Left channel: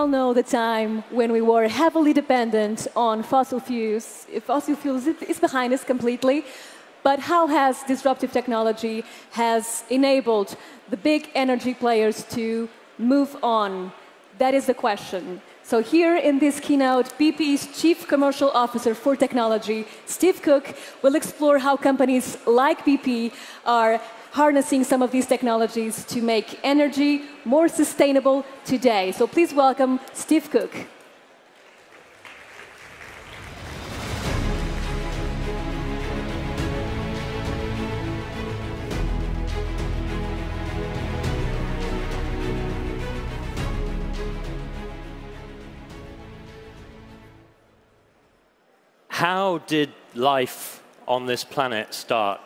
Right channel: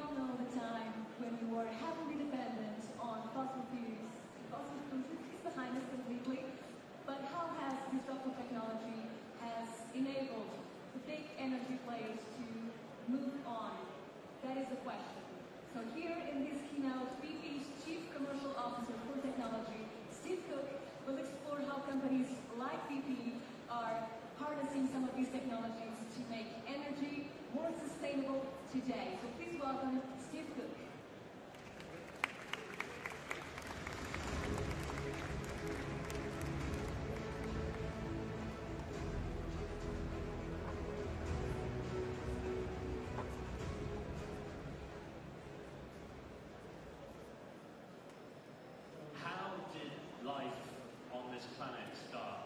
all know the time when we were heavily dependent on fossil fuels. Fossil fuels is behind us completely. But how has disruptive technology has enabled the big energy players to move on? That is the question. So here in this keynote, BP's Chief Commercial Officer for Technology, Steve Cook, will explore how companies like BP are harnessing some of these technologies to make energy more sustainable today. So please welcome Steve Cook. How did life on this planet start?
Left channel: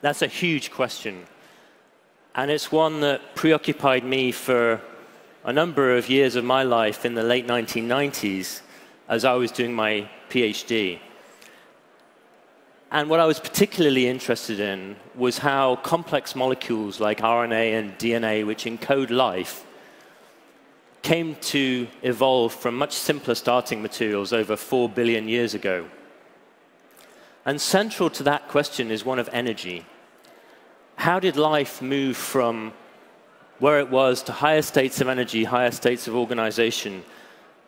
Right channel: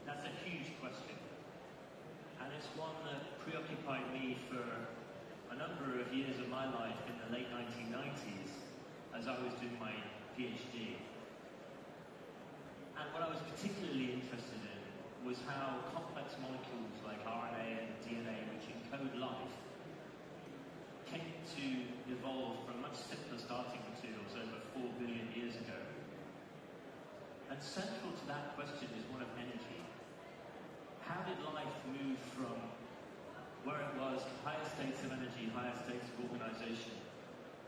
That's a huge question. And it's one that preoccupied me for a number of years of my life in the late 1990s as I was doing my PhD. And what I was particularly interested in was how complex molecules like RNA and DNA, which encode life, came to evolve from much simpler starting materials over 4 billion years ago. And central to that question is one of energy. How did life move from where it was to higher states of energy, higher states of organization?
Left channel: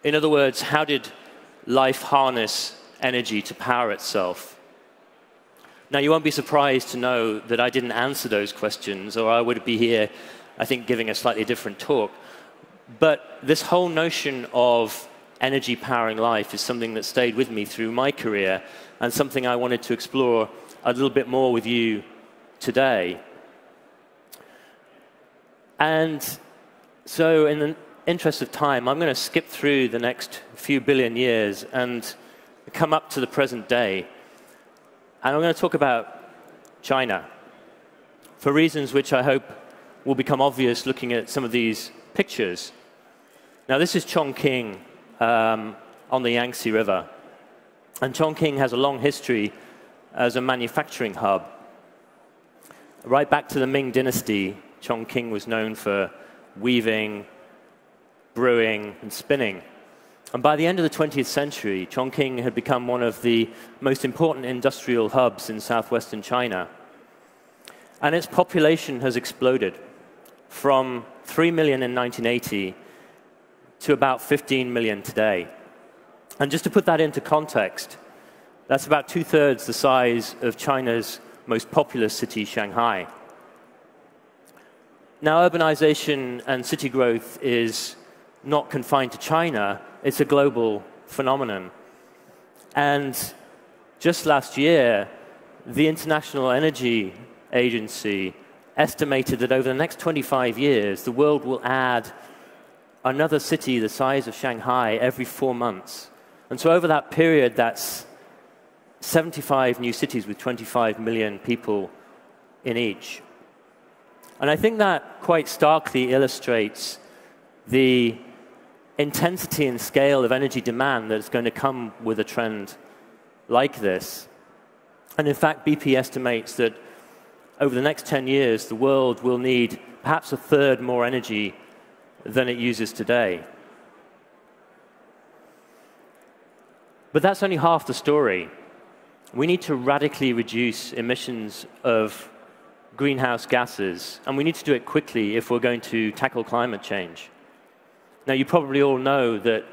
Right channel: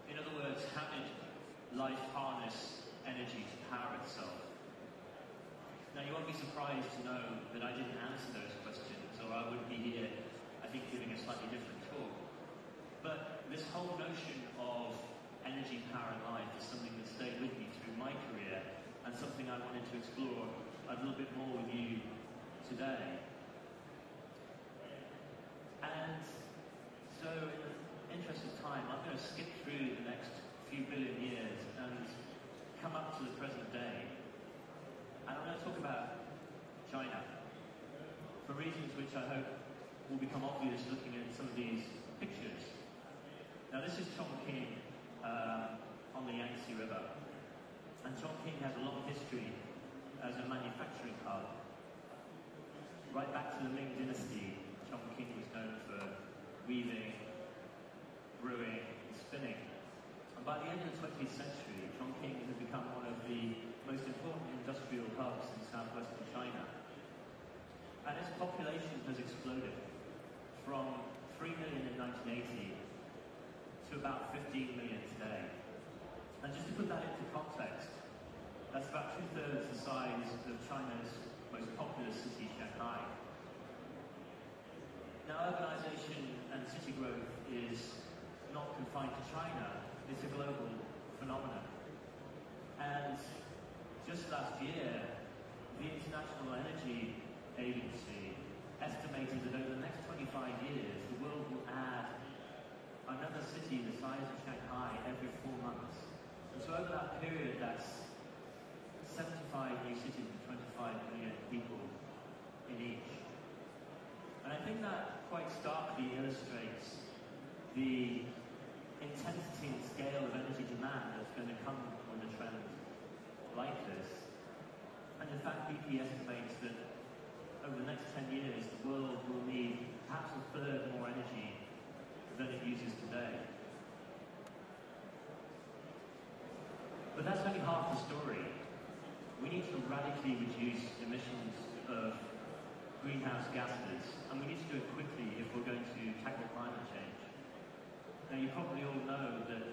In other words, how did life harness energy to power itself? Now, you won't be surprised to know that I didn't answer those questions, or I would be here, I think, giving a slightly different talk. But this whole notion of energy powering life is something that stayed with me through my career and something I wanted to explore a little bit more with you today. And so in the interest of time, I'm going to skip through the next few billion years and come up to the present day. And I'm going to talk about China for reasons which I hope will become obvious looking at some of these pictures. Now, this is Chongqing on the Yangtze River. And Chongqing has a long history as a manufacturing hub. Right back to the Ming Dynasty, Chongqing was known for weaving, brewing, and spinning. And by the end of the 20th century, Chongqing had become one of the most important industrial hubs in southwestern China. And its population has exploded from 3 million in 1980 to about 15 million today. And just to put that into context, that's about 2/3 the size of China's most populous city, Shanghai. Now, urbanization and city growth is not confined to China. It's a global phenomenon. And just last year, the International Energy Agency estimated that over the next 25 years, the world will add another city the size of Shanghai every 4 months. And so over that period, that's 75 new cities with 25 million people in each. And I think that quite starkly illustrates the intensity and scale of energy demand that's going to come with a trend like this. And in fact, BP estimates that over the next 10 years, the world will need perhaps 1/3 more energy than it uses today. But that's only half the story. We need to radically reduce emissions of greenhouse gases, and we need to do it quickly if we're going to tackle climate change. Now, you probably all know that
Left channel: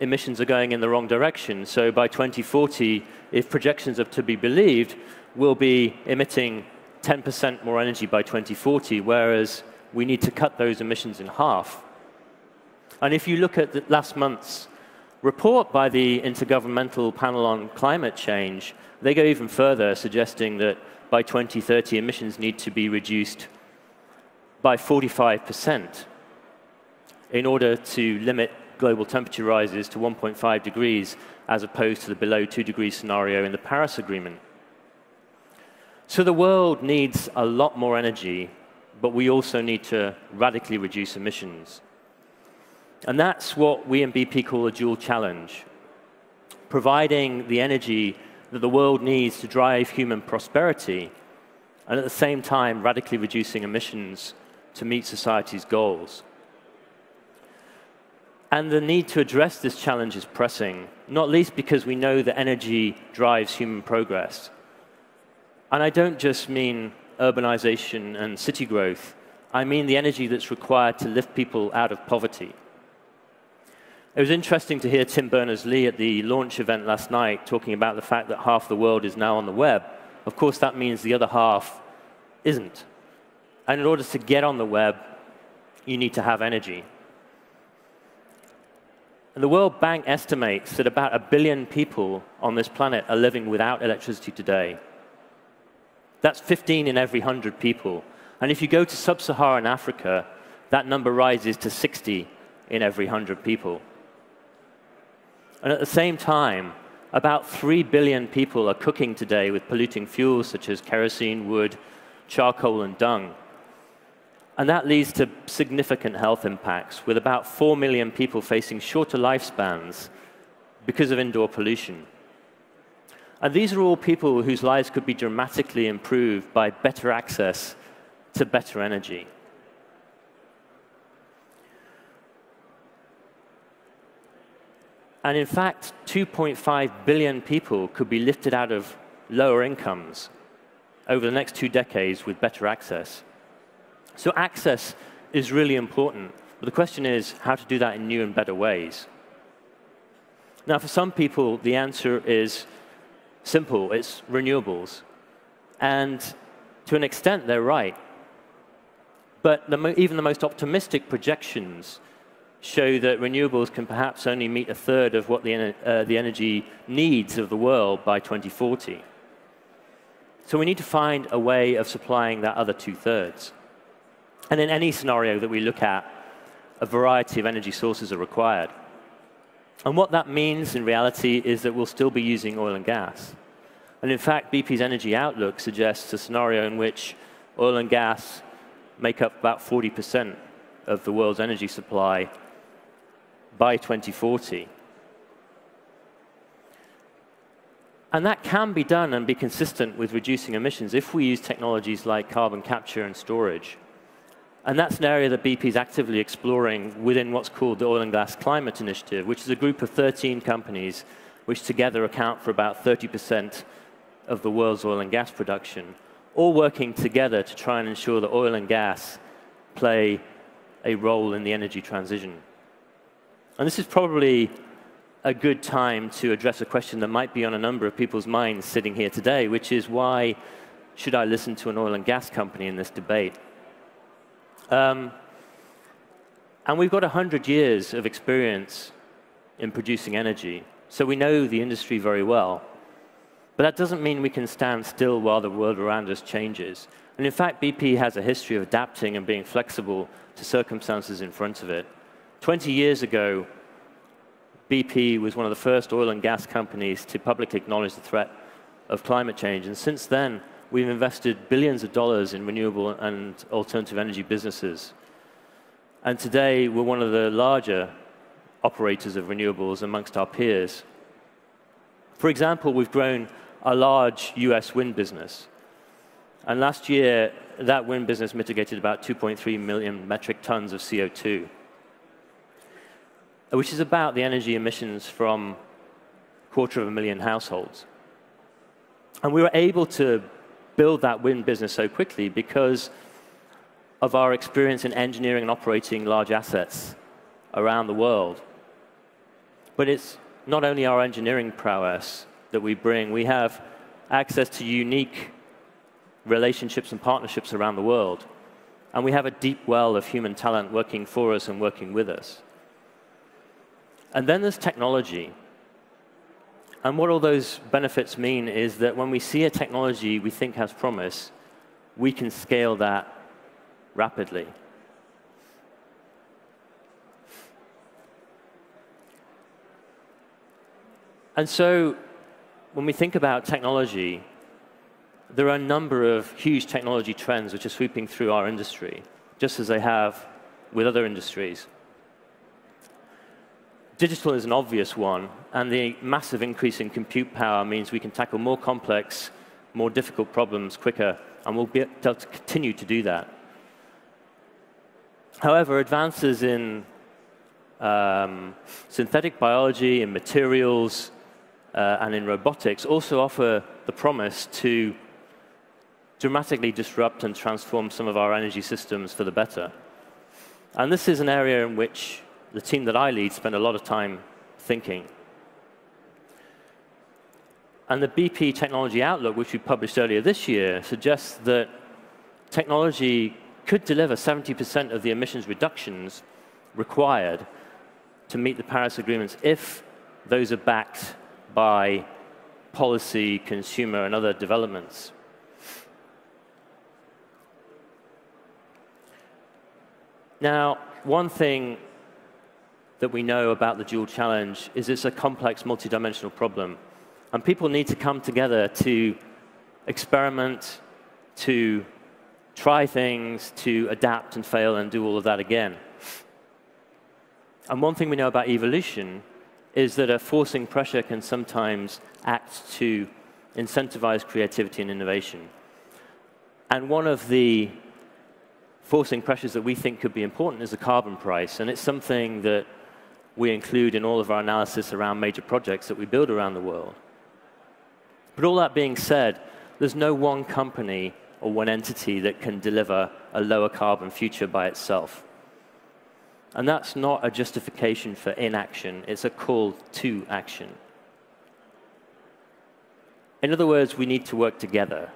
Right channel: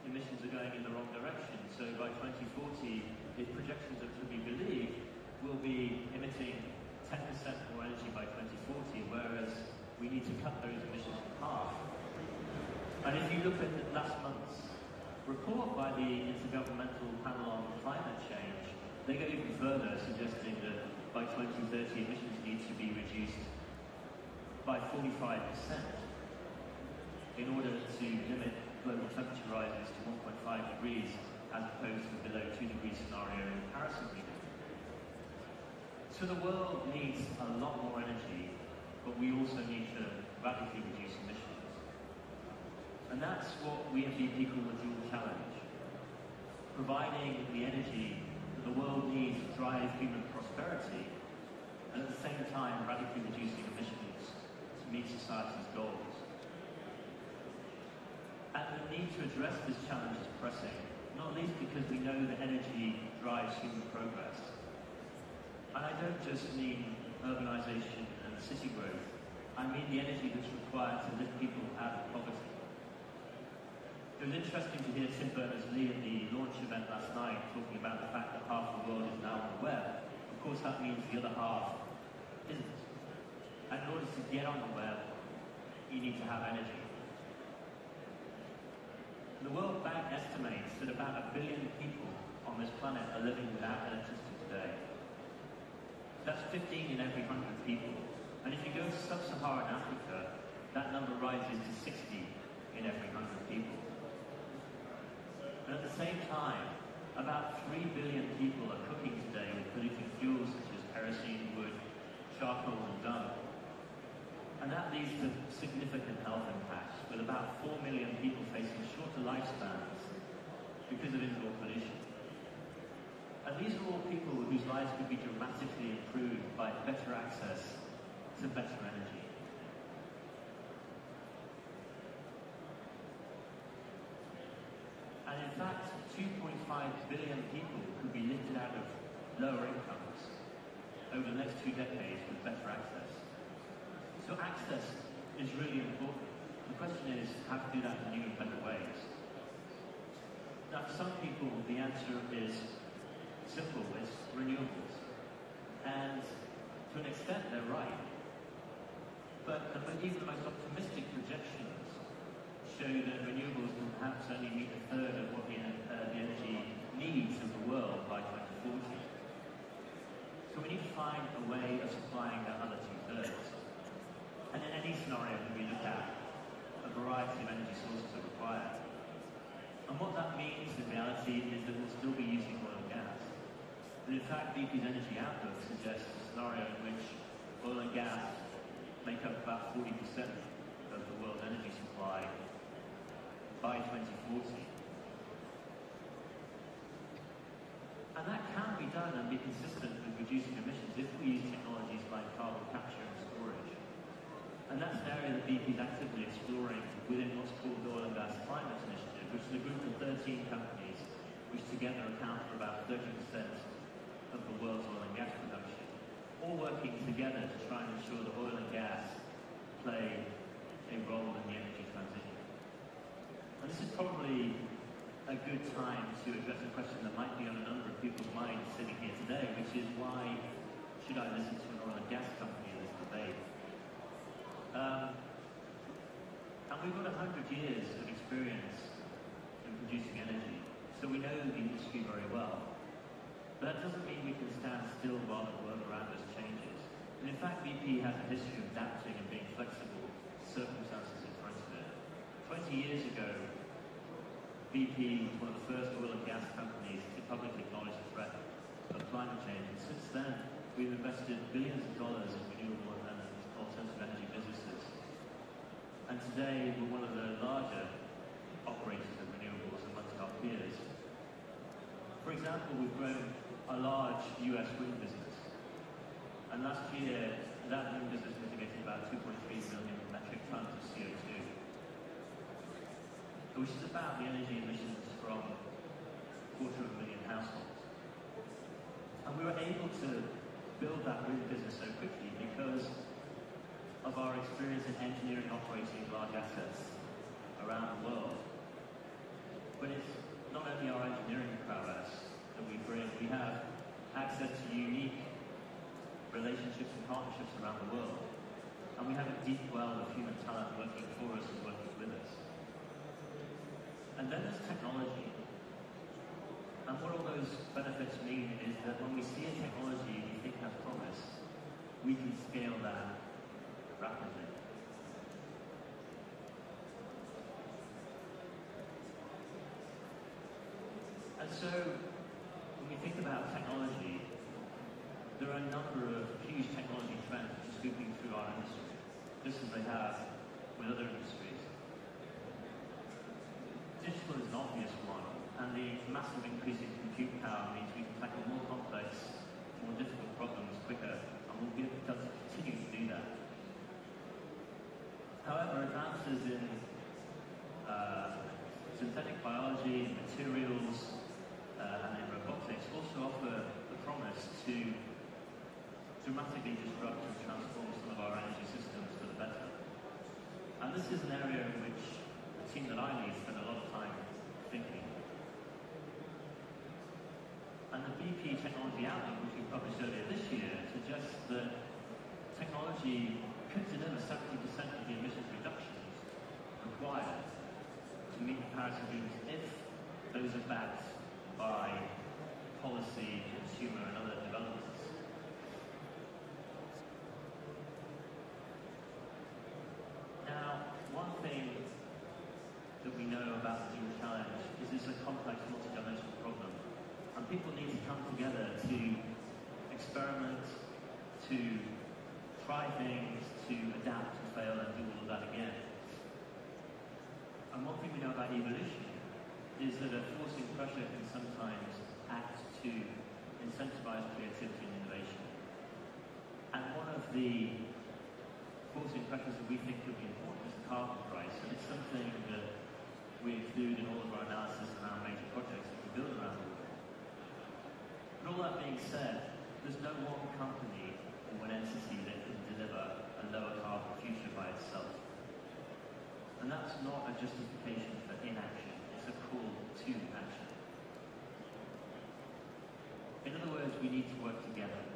emissions are going in the wrong direction. So by 2040, if projections are to be believed, we'll be emitting 10% more energy by 2040, whereas we need to cut those emissions in half. And if you look at last month's report by the Intergovernmental Panel on Climate Change, they go even further, suggesting that by 2030, emissions need to be reduced by 45% in order to limit global temperature rises to 1.5 degrees, as opposed to the below 2 degree scenario in the Paris Agreement. So the world needs a lot more energy, but we also need to radically reduce emissions. And that's what we in BP call a dual challenge, providing the energy that the world needs to drive human prosperity, and at the same time radically reducing emissions to meet society's goals. And the need to address this challenge is pressing, not least because we know that energy drives human progress. And I don't just mean urbanization and city growth. I mean the energy that's required to lift people out of poverty. It was interesting to hear Tim Berners-Lee at the launch event last night talking about the fact that half the world is now on the web. Of course, that means the other half isn't. And in order to get on the web, you need to have energy. And the World Bank estimates that about 1 billion people on this planet are living without electricity today. That's 15 in every 100 people. And if you go to sub-Saharan Africa, that number rises to 60 in every 100 people. And at the same time, about 3 billion people are cooking today with polluting fuels such as kerosene, wood, charcoal, and dung. And that leads to significant health impacts, with about 4 million people facing shorter lifespans because of indoor pollution. And these are all people whose lives could be dramatically improved by better access to better energy. And in fact, 2.5 billion people could be lifted out of lower incomes over the next 2 decades with better access. So access is really important. But the question is how to do that in new and better ways. Now, for some people, the answer is simple. It's renewables. And to an extent, they're right. But even the most optimistic projections show that renewables can perhaps only meet 1/3 of what the energy needs of the world by 2040. So we need to find a way of supplying that other 2/3. And in any scenario that we look at, a variety of energy sources are required. And what that means in reality is that we'll still be using oil and gas. And in fact, BP's energy outlook suggests a scenario in which oil and gas make up about 40% of the world's energy supply by 2040. And that can be done and be consistent with reducing emissions if we use technologies like carbon capture and storage. And that's an area that BP is actively exploring within what's called the Oil and Gas Climate Initiative, which is a group of 13 companies which together account for about 30% of the world's oil and gas production, all working together to try and ensure that oil and gas play a role in the energy transition. And this is probably a good time to address a question that might be on a number of people's minds sitting here today, which is why should I listen to an oil and gas company in this debate? And we've got 100 years of experience in producing energy, so we know the industry very well. But that doesn't mean we can stand still while the world around us changes. And in fact, BP has a history of adapting and being flexible to circumstances in front of it. 20 years ago, BP was one of the first oil and gas companies to publicly acknowledge the threat of climate change. And since then, we've invested billions of dollars in renewable and alternative energy businesses. And today, we're one of the larger operators of renewables amongst our peers. For example, we've grown a large US wind business. And last year, that wind business mitigated about 2.3 million metric tons of CO2, which is about the energy emissions from 250,000 households. And we were able to build that wind business so quickly because of our experience in engineering and operating large assets around the world. But it's not only our engineering prowess that we bring. We have access to unique relationships and partnerships around the world. And we have a deep well of human talent working for us and working with us. And then there's technology. And what all those benefits mean is that when we see a technology we think has promise, we can scale that rapidly. And so when we think about technology, there are a number of huge technology trends which are sweeping through our industry, just as they have with other industries. Digital is an obvious one, and the massive increase in compute power means we can tackle more complex, more difficult problems quicker, and we'll be able to continue to do that. However, advances in synthetic biology, in materials, and in robotics also offer the promise to dramatically disrupt and transform some of our energy systems for the better. And this is an area in which the team that I lead spend a lot of time thinking. And the BP Technology Outlook, which we published earlier this year, suggests that technology could deliver 70% of the emissions reductions required to meet the Paris agreements if those are backed by policy, consumer, and other developments. Now, one thing that we know about the dual challenge is it's a complex, multidimensional problem. And people need to come together to experiment, to try things, to adapt and fail and do all of that again. And one thing we know about evolution is that a forcing pressure can sometimes act to incentivize creativity and innovation. And one of the forcing pressures that we think could be important is the carbon price. And it's something that we include in all of our analysis around major projects that we build around the world. But all that being said, there's no one company or one entity that can deliver a lower carbon future by itself. And that's not a justification for inaction. It's a call to action. In other words, we need to work together.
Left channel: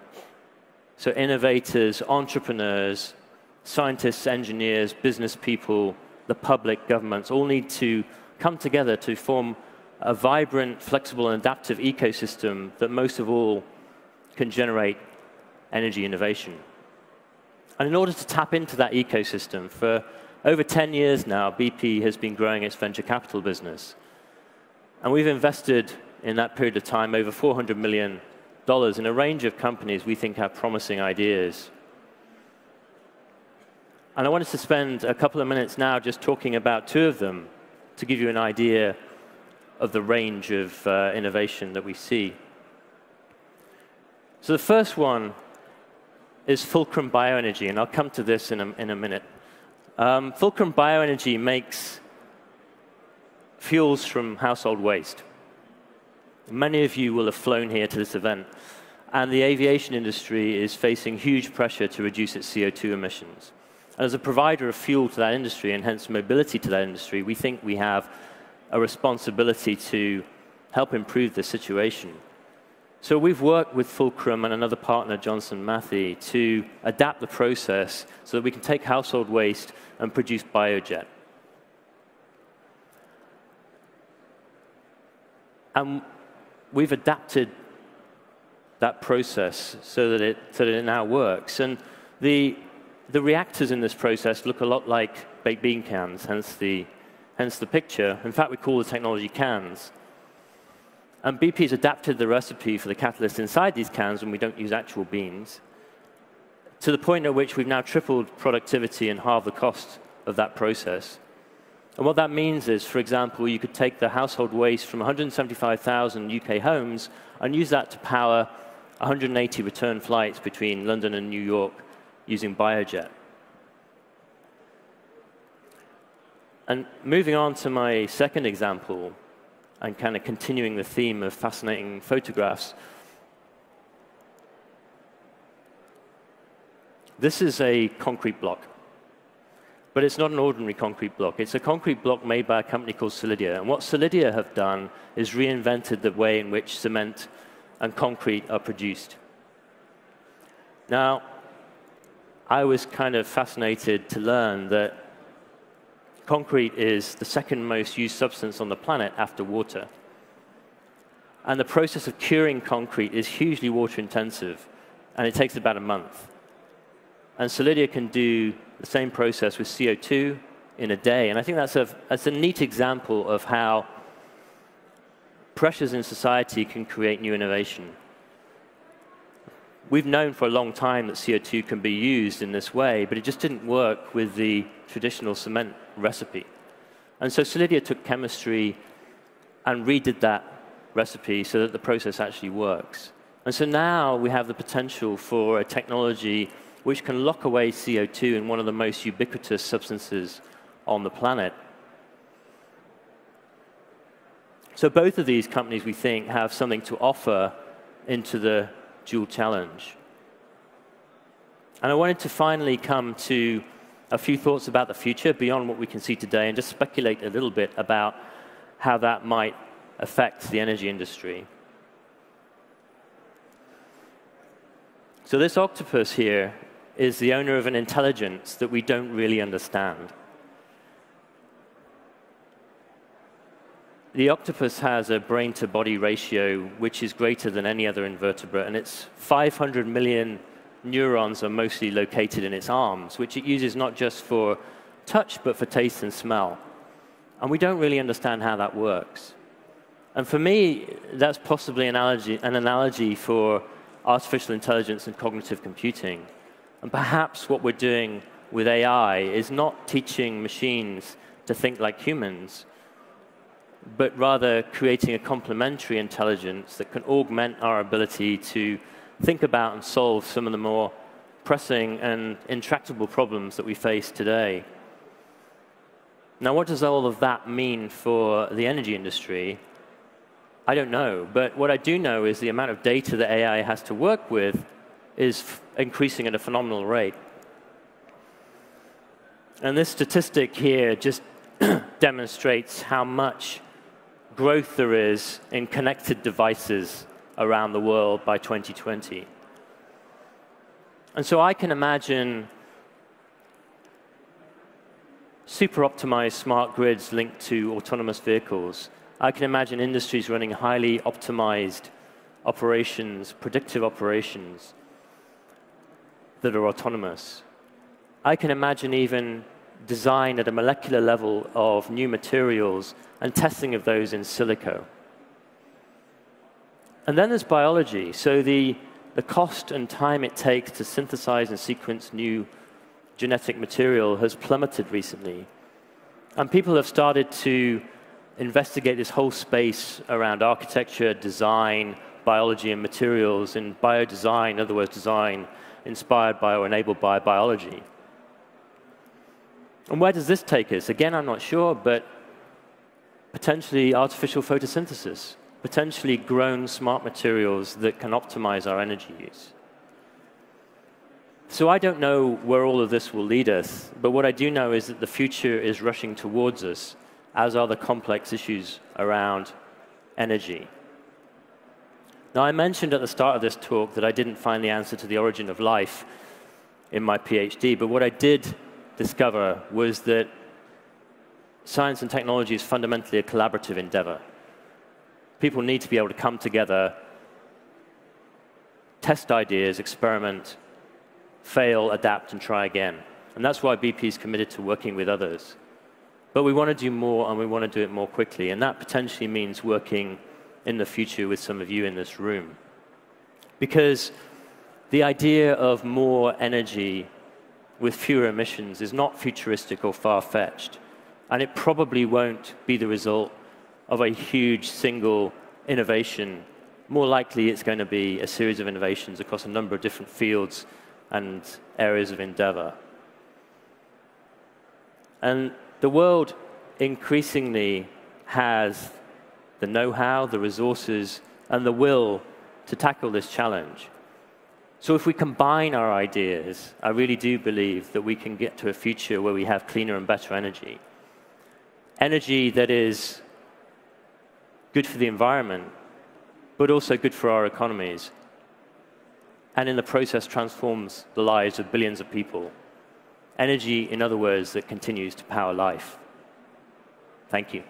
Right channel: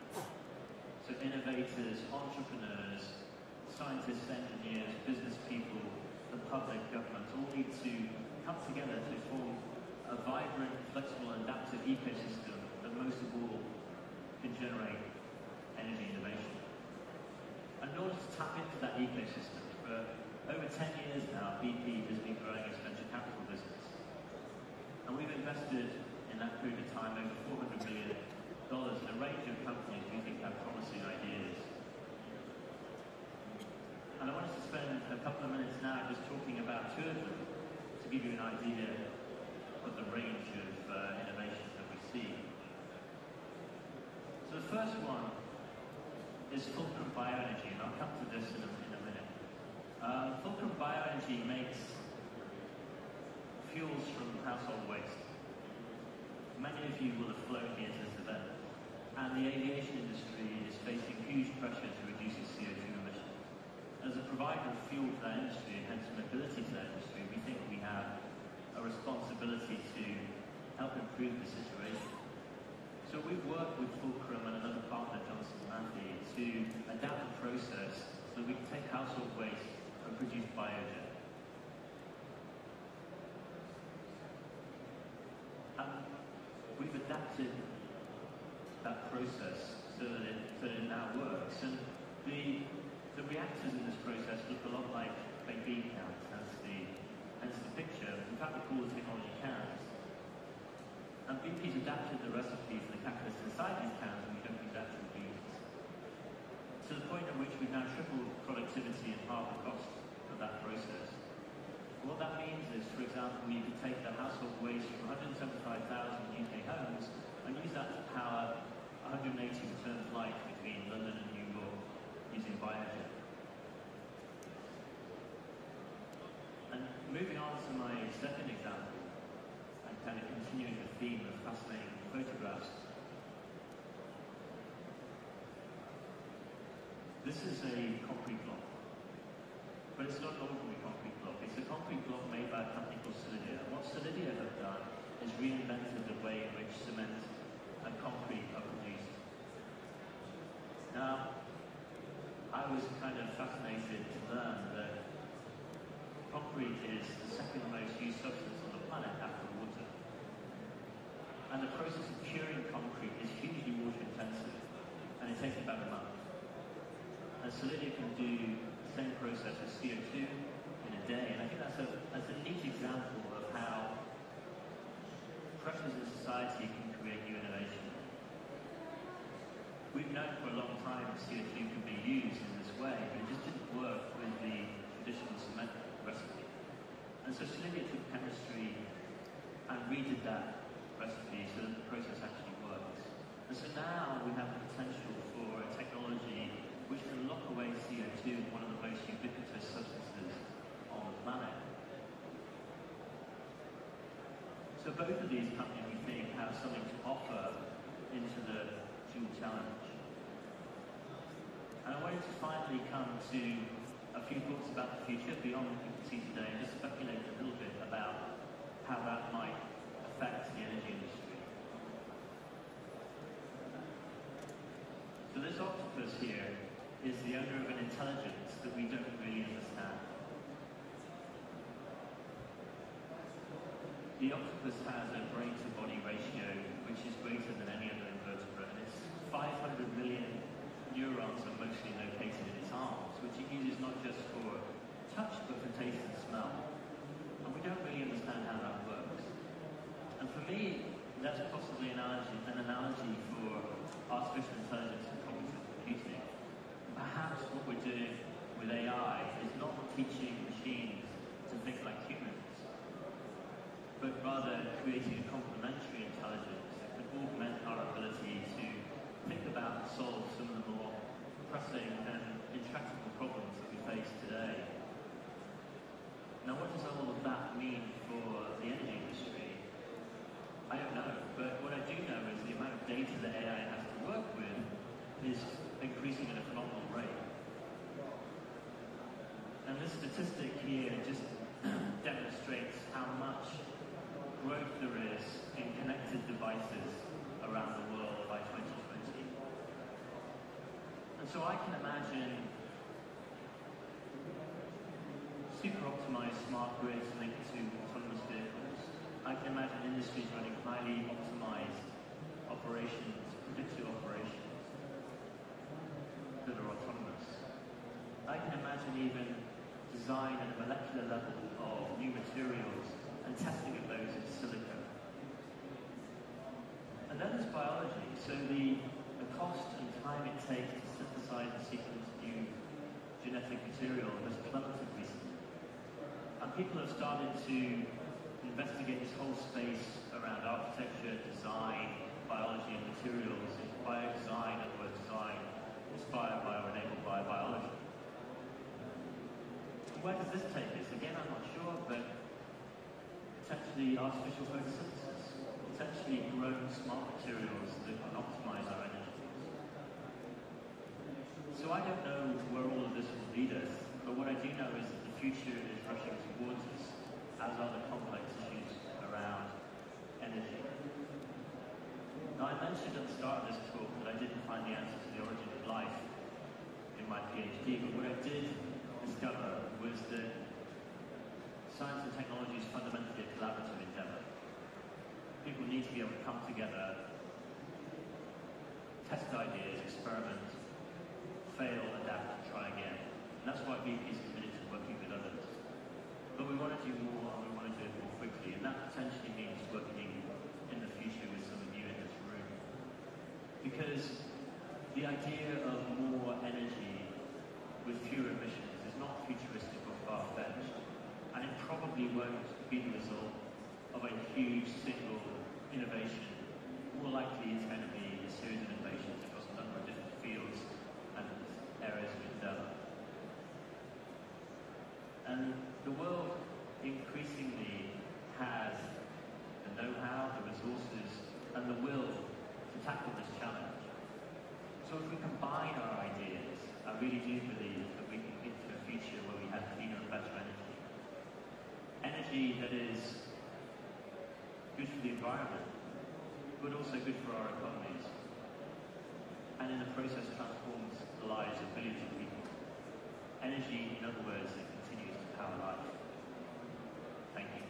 So innovators, entrepreneurs, scientists, engineers, business people, the public, governments, all need to come together to form a vibrant, flexible, and adaptive ecosystem that most of all can generate energy innovation. And in order to tap into that ecosystem, for over 10 years now, BP has been growing its venture capital business. And we've invested in that period of time over $400 million in a range of companies we think have promising ideas. And I wanted to spend a couple of minutes now just talking about two of them to give you an idea of the range of innovation that we see. So the first one is Fulcrum Bioenergy, and I'll come to this in a minute. Fulcrum Bioenergy makes fuels from household waste. Many of you will have flown here to this event, and the aviation industry is facing huge pressure to reduce its CO2 emissions. As a provider of fuel to that industry, and hence mobility to that industry, we think we have a responsibility to help improve the situation. So we've worked with Fulcrum and another partner, Johnson Matthey, to adapt the process so that we can take household waste and produce biojet. And we've adapted that process so that it now works. And the reactors in this process look a lot like baked bean cans, hence the picture. In fact, we call the technology cans. And BP's adapted the recipe for the catalyst inside these cans when we don't use actual beans, to the point at which we've now tripled productivity and halved the cost of that process. And what that means is, for example, you could take the household waste from 175,000 UK homes and use that to power 180 return flights between London and New York using biojet. And moving on to my second example, and kind of continuing the theme of fascinating photographs, this is a concrete block. But it's not an ordinary concrete block. It's a concrete block made by a company called Solidia. And what Solidia have done is reinvented the way in which cement and concrete are produced. Now, I was kind of fascinated to learn that concrete is the second most used substance on the planet after water. And the process of curing concrete is hugely water intensive, and it takes about a month. And Solidia can do the same process with CO2 in a day. And I think that's a neat example of how pressures in society can create new innovation. We've known for a long time that CO2 can be used in this way, but it just didn't work with the traditional cement recipe. And so Solidia took chemistry and redid that recipe so that the process actually works. And so now we have the potential for a technology which can lock away CO2 in one of the most ubiquitous substances on the planet. So both of these companies, we think, have something to offer into the dual challenge. And I wanted to finally come to a few thoughts about the future beyond what we can see today and just speculate a little bit about how that might affect the energy industry. So this octopus here is the owner of an intelligence that we don't really understand. The octopus has a brain-to-body ratio which is greater than any other invertebrate, and its 500 million neurons are mostly located in its arms, which it uses not just for touch, but for taste and smell. And we don't really understand how that works. And for me, that's possibly an analogy for artificial intelligence and cognitive computing. And perhaps what we're doing with AI is not teaching machines to think like humans, but rather creating a complementary intelligence that can augment our ability to think about and solve some of the more pressing and intractable problems that we face today. Now, what does all of that mean for the energy industry? I don't know, but what I do know is the amount of data that AI has to work with is increasing at a phenomenal rate. And this statistic here just demonstrates how much growth there is in connected devices around the world by 2020. And so I can imagine super optimized smart grids linked to autonomous vehicles. I can imagine industries running highly optimized operations, predictive operations that are autonomous. I can imagine even design at a molecular level of new materials and testing of those in silico. And then there's biology. So the cost and time it takes to synthesize and sequence new genetic material has plummeted recently. And people have started to investigate this whole space around architecture, design, biology, and materials, and biodesign, in other words, design inspired by or enabled by biology. And where does this take us? Again, I'm not sure, but potentially artificial photosynthesis, potentially grown smart materials that can optimize our energy use. So I don't know where all of this will lead us, but what I do know is that the future is rushing towards us, as are the complex issues around energy. Now, I mentioned at the start of this talk that I didn't find the answer to the origin of life in my PhD, but what I did discover was that science and technology is fundamentally a collaborative endeavor. People need to be able to come together, test ideas, experiment, fail, adapt, and try again. And that's why BP is committed to working with others. But we want to do more, and we want to do it more quickly. And that potentially means working in the future with some of you in this room. Because the idea of more energy with fewer emissions is not futuristic or far-fetched. And it probably won't be the result of a huge single innovation. More likely, it's going to be a series of innovations across a number of different fields and areas of endeavor. And the world increasingly has the know-how, the resources, and the will to tackle this challenge. So if we combine our ideas, I really do believe that we can get to a future where we have cleaner and better energy. Energy that is good for the environment, but also good for our economies, and in the process transforms the lives of billions of people. Energy, in other words, that continues to power life. Thank you.